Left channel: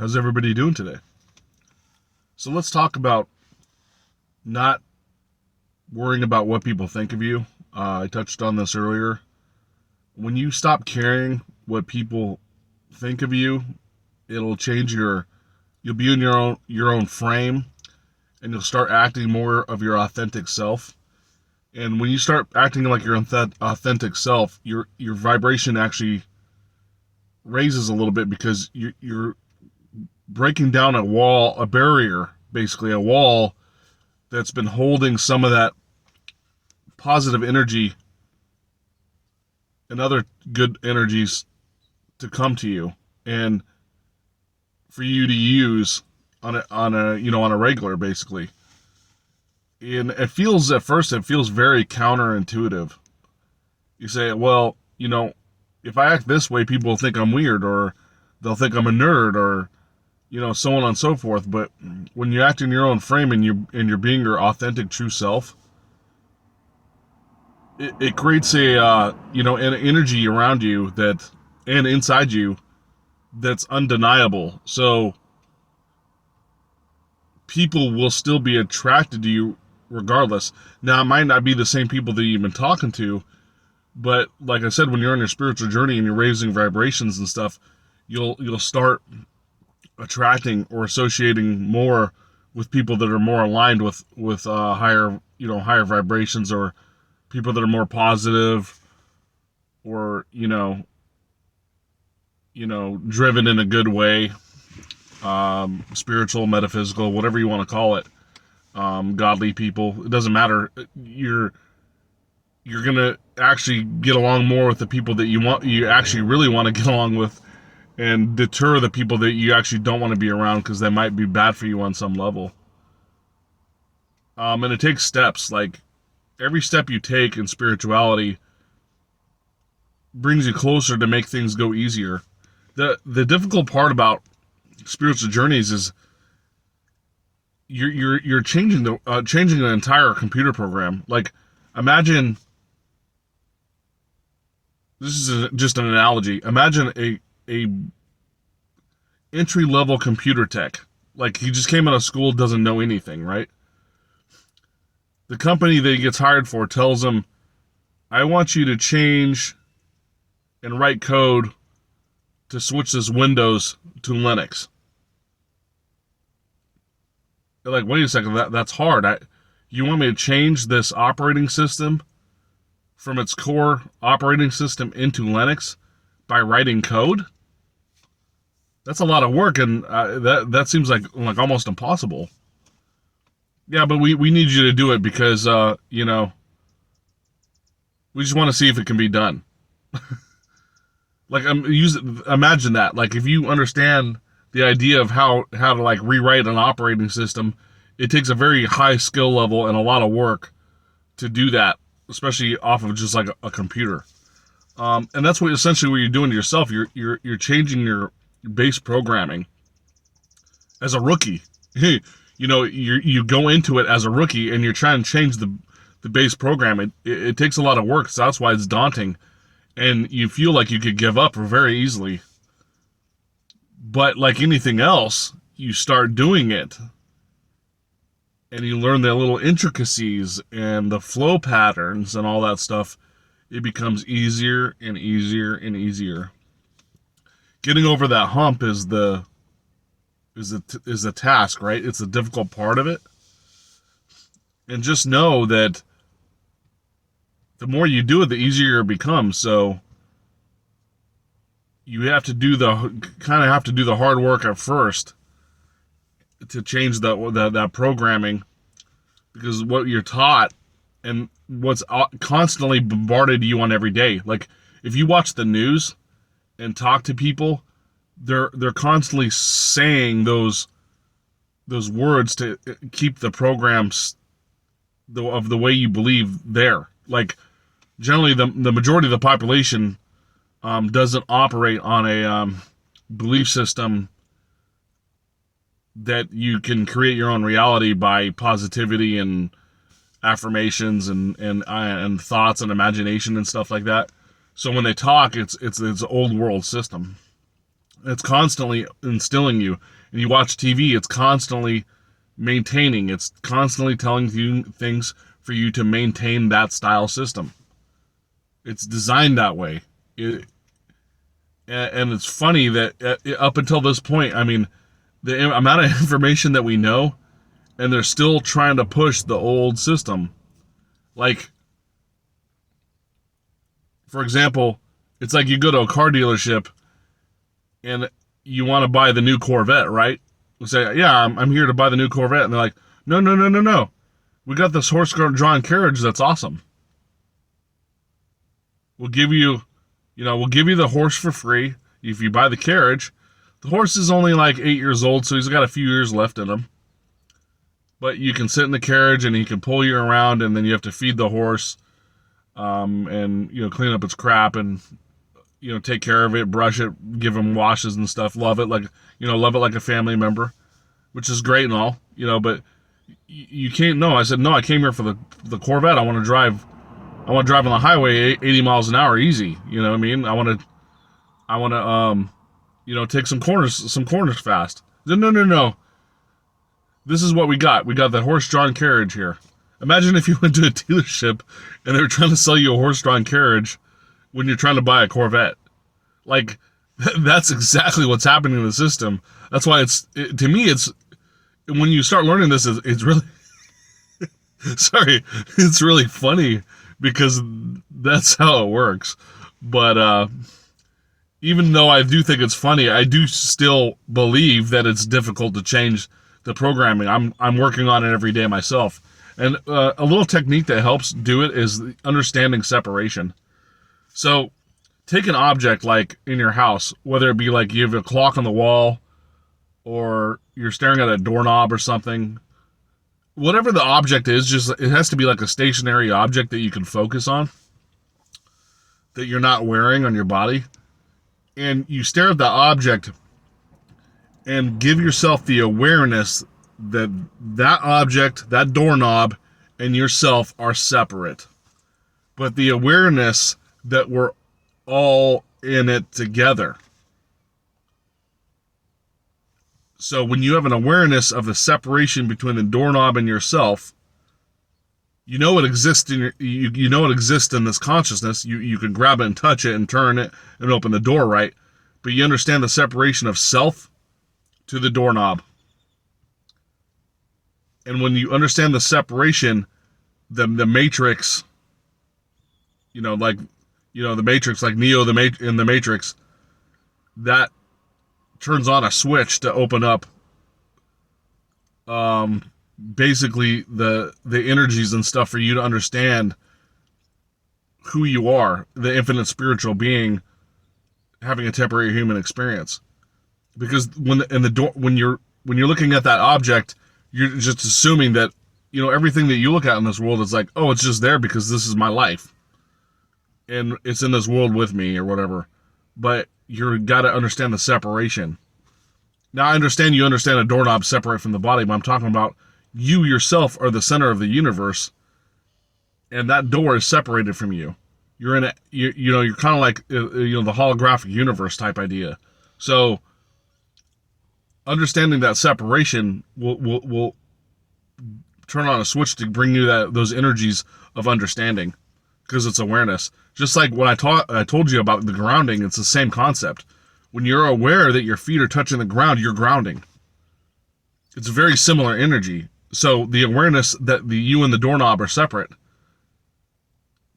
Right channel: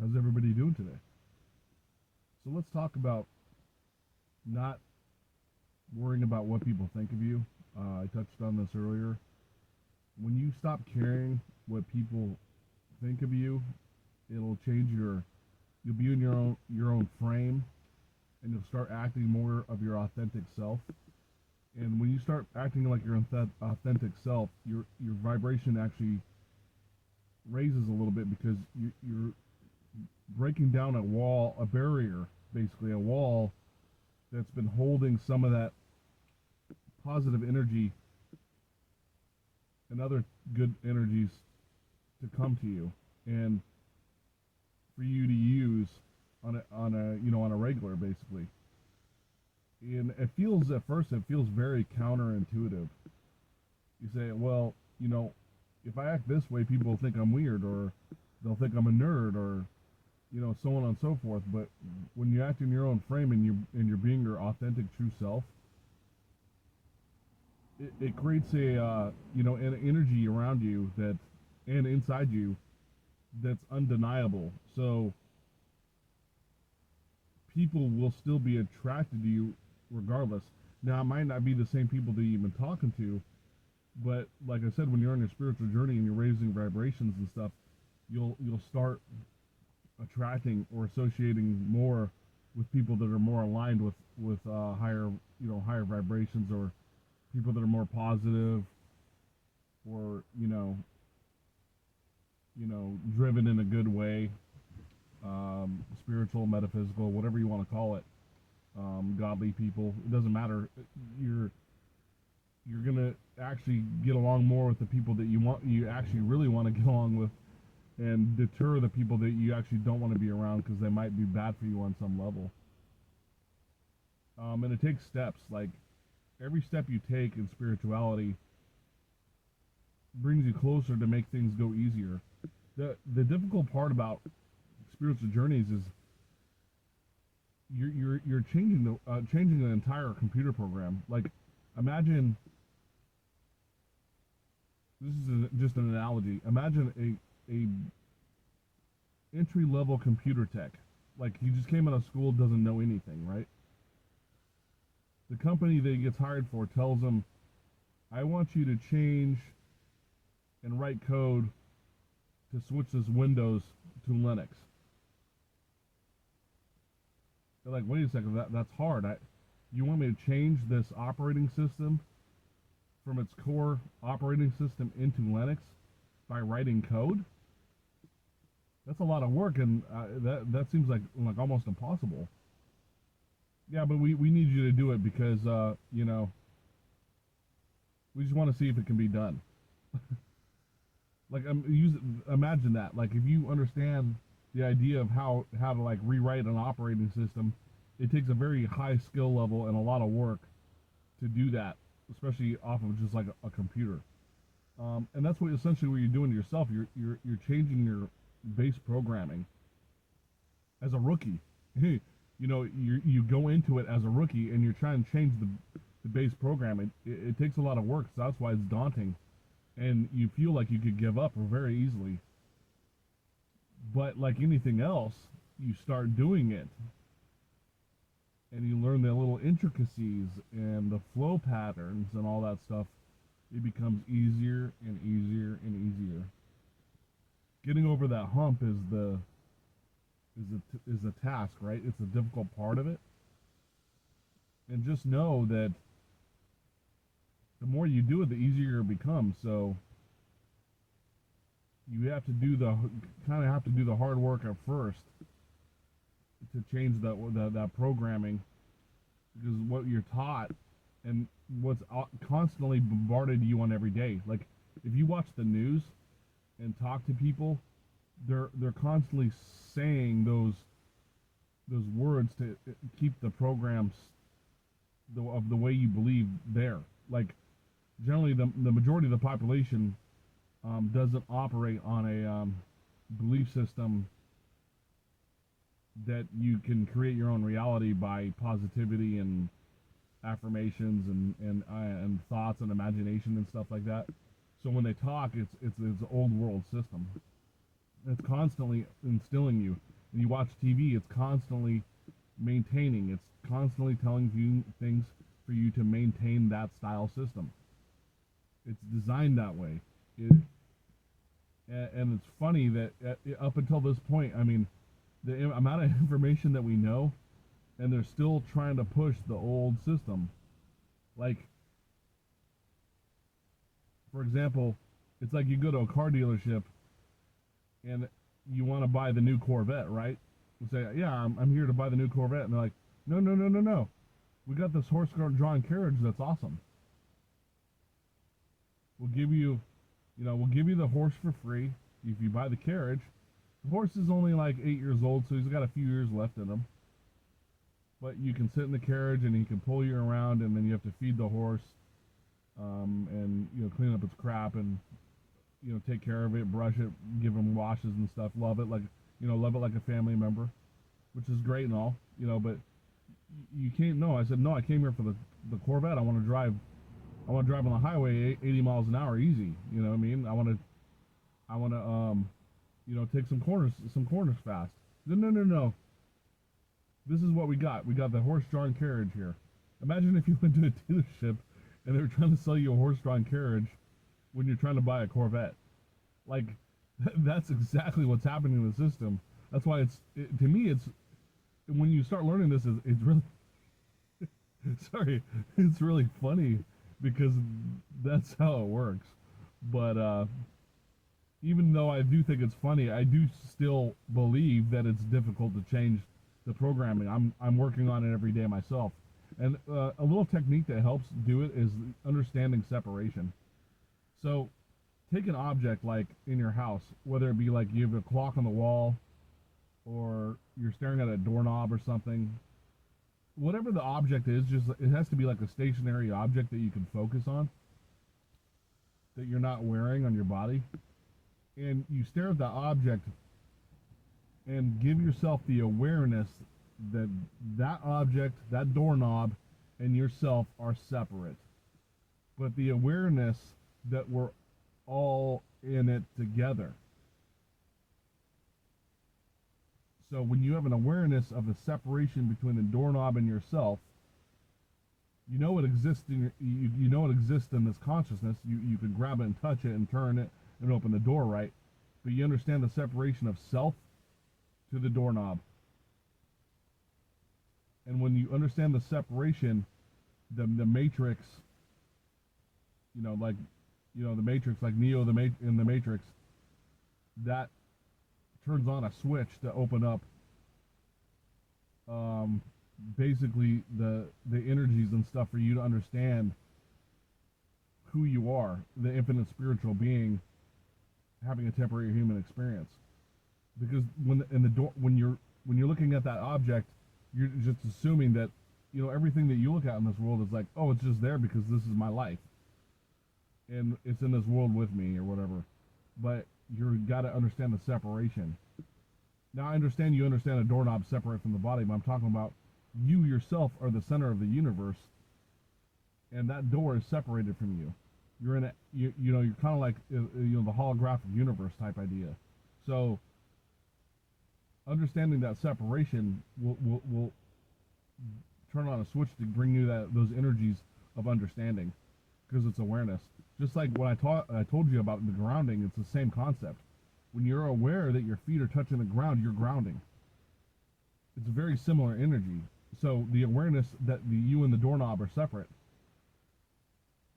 How's everybody doing today? So let's talk about not worrying about what people think of you. I touched on this earlier. When you stop caring what people think of you, it'll change you'll be in your own frame, and you'll start acting more of your authentic self. And when you start acting like your authentic self, your vibration actually raises a little bit because you're breaking down a barrier, basically a wall that's been holding some of that positive energy and other good energies to come to you and for you to use on a regular, basically. And it feels very counterintuitive. You say, well, if I act this way, people will think I'm weird, or they'll think I'm a nerd, or so on and so forth. But when you act in your own frame and you're being your authentic, true self, it creates an energy around you and inside you that's undeniable. So people will still be attracted to you regardless. Now, it might not be the same people that you've been talking to, but like I said, when you're on your spiritual journey and you're raising vibrations and stuff, you'll start attracting or associating more with people that are more aligned with higher vibrations, or people that are more positive, or driven in a good way, spiritual, metaphysical, whatever you want to call it, godly people. It doesn't matter. You're gonna actually get along more with the people that you actually really want to get along with, and deter the people that you actually don't want to be around because they might be bad for you on some level. And it takes steps. Like, every step you take in spirituality brings you closer to make things go easier. The difficult part about spiritual journeys is you're changing the entire computer program. Like, imagine, this is just an analogy. Imagine a entry level computer tech. Like, he just came out of school, doesn't know anything, right? The company that he gets hired for tells him, I want you to change and write code to switch this Windows to Linux. They're like, wait a second, that's hard. You want me to change this operating system from its core operating system into Linux by writing code? That's a lot of work, and that seems like almost impossible. Yeah, but we need you to do it because we just want to see if it can be done. Like, imagine that. Like, if you understand the idea of how to like rewrite an operating system, it takes a very high skill level and a lot of work to do that, especially off of just like a computer. And that's essentially what you're doing to yourself. You're changing your base programming as a rookie. You go into it as a rookie and you're trying to change the base program. It takes a lot of work, so that's why it's daunting, and you feel like you could give up very easily. But like anything else, you start doing it and you learn the little intricacies and the flow patterns and all that stuff. It becomes easier and easier and easier. Getting over that hump is the task, right? It's the difficult part of it. And just know that the more you do it, the easier it becomes. So you have to do the hard work at first to change that programming, because what you're taught and what's constantly bombarded you on every day. Like, if you watch the news and talk to people, they're constantly saying those words to keep the programs of the way you believe there. Like, generally the majority of the population doesn't operate on a belief system that you can create your own reality by positivity and affirmations and thoughts and imagination and stuff like that. So when they talk, it's old world system. It's constantly instilling you. And you watch TV, it's constantly maintaining. It's constantly telling you things for you to maintain that style system. It's designed that way. And it's funny that up until this point, I mean, the amount of information that we know, and they're still trying to push the old system. Like, for example, it's like you go to a car dealership and you want to buy the new Corvette, right? You say, yeah, I'm here to buy the new Corvette. And they're like, no, no, no, no, no. We got this horse-drawn carriage that's awesome. We'll give you the horse for free if you buy the carriage. The horse is only like 8 years old, so he's got a few years left in him. But you can sit in the carriage and he can pull you around, and then you have to feed the horse, and clean up its crap and take care of it, brush it, give him washes and stuff. Love it like a family member, which is great and all, but you can't. No, I said no. I came here for the Corvette. I want to drive on the highway 80 miles an hour easy. You know what I mean? I want to take some corners fast. No. This is what we got. We got the horse-drawn carriage here. Imagine if you went to a dealership and they were trying to sell you a horse-drawn carriage when you're trying to buy a Corvette. Like, that's exactly what's happening in the system. That's why to me, it's when you start learning this, it's really, sorry, it's really funny because that's how it works. But even though I do think it's funny, I do still believe that it's difficult to change the programming. I'm working on it every day myself. And a little technique that helps do it is understanding separation. So take an object like in your house, whether it be like you have a clock on the wall or you're staring at a doorknob or something. Whatever the object is, it has to be like a stationary object that you can focus on, that you're not wearing on your body. And you stare at the object and give yourself the awareness that object, that doorknob, and yourself are separate. But the awareness that we're all in it together. So when you have an awareness of the separation between the doorknob and yourself, it exists it exists in this consciousness. You can grab it and touch it and turn it and open the door, right? But you understand the separation of self to the doorknob. And when you understand the separation, the matrix, the matrix, like Neo in the Matrix, that turns on a switch to open up basically the energies and stuff for you to understand who you are, the infinite spiritual being having a temporary human experience. Because when you're looking at that object, you're just assuming that everything that you look at in this world is like, oh, it's just there because this is my life and it's in this world with me or whatever. But you got to understand the separation. Now I understand you understand a doorknob separate from the body, but I'm talking about you yourself are the center of the universe, and that door is separated from you. You're in you're kind of like the holographic universe type idea. So understanding that separation will turn on a switch to bring you those energies of understanding, because it's awareness. Just like when I told you about the grounding, it's the same concept. When you're aware that your feet are touching the ground, you're grounding. It's a very similar energy. So the awareness that you and the doorknob are separate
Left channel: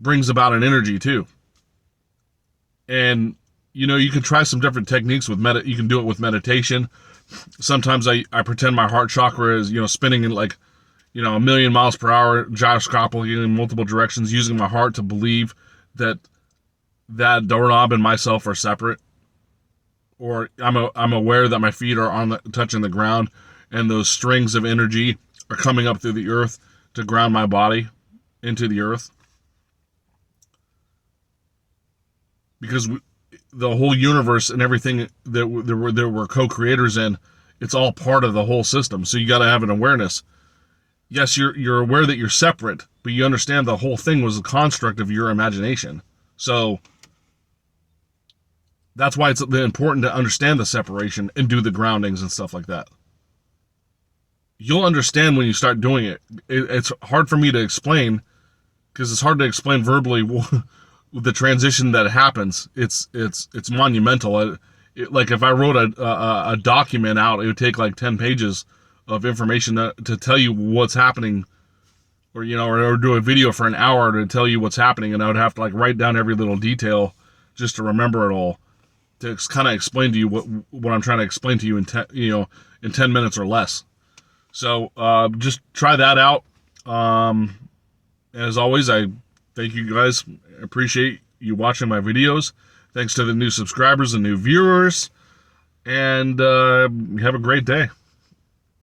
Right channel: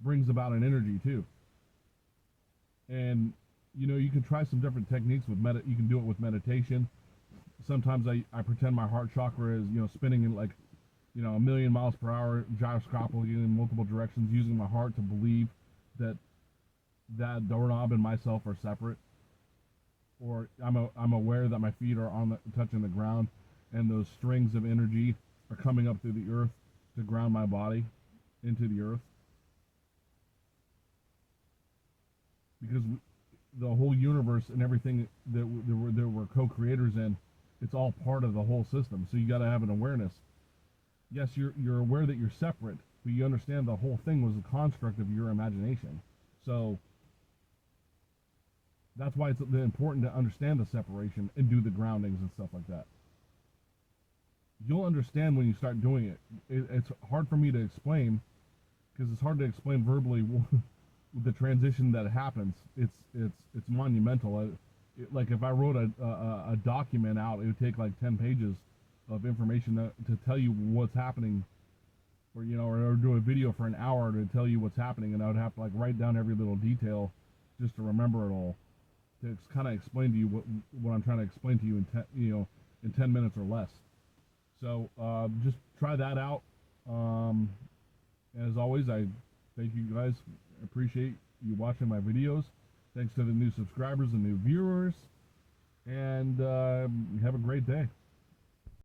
brings about an energy too. And you can try some different techniques with you can do it with meditation. Sometimes I pretend my heart chakra is spinning in like 1,000,000 miles per hour, gyroscopically in multiple directions, using my heart to believe that doorknob and myself are separate. Or I'm aware that my feet are touching the ground, and those strings of energy are coming up through the earth to ground my body into the earth. Because the whole universe and everything that we're co-creators in, it's all part of the whole system. So you got to have an awareness. Yes, you're aware that you're separate, but you understand the whole thing was a construct of your imagination. So That's why it's important to understand the separation and do the groundings and stuff like that. You'll understand when you start doing it. It's hard for me to explain because it's hard to explain verbally the transition that happens. It's monumental. Like if I wrote a document out, it would take like 10 pages of information to tell you what's happening, or or do a video for an hour to tell you what's happening, and I would have to like write down every little detail just to remember it all, to kind of explain to you what I'm trying to explain to you in in 10 minutes or less. So just try that out. As always, I thank you guys. Appreciate you watching my videos. Thanks to the new subscribers and new viewers. And have a great day.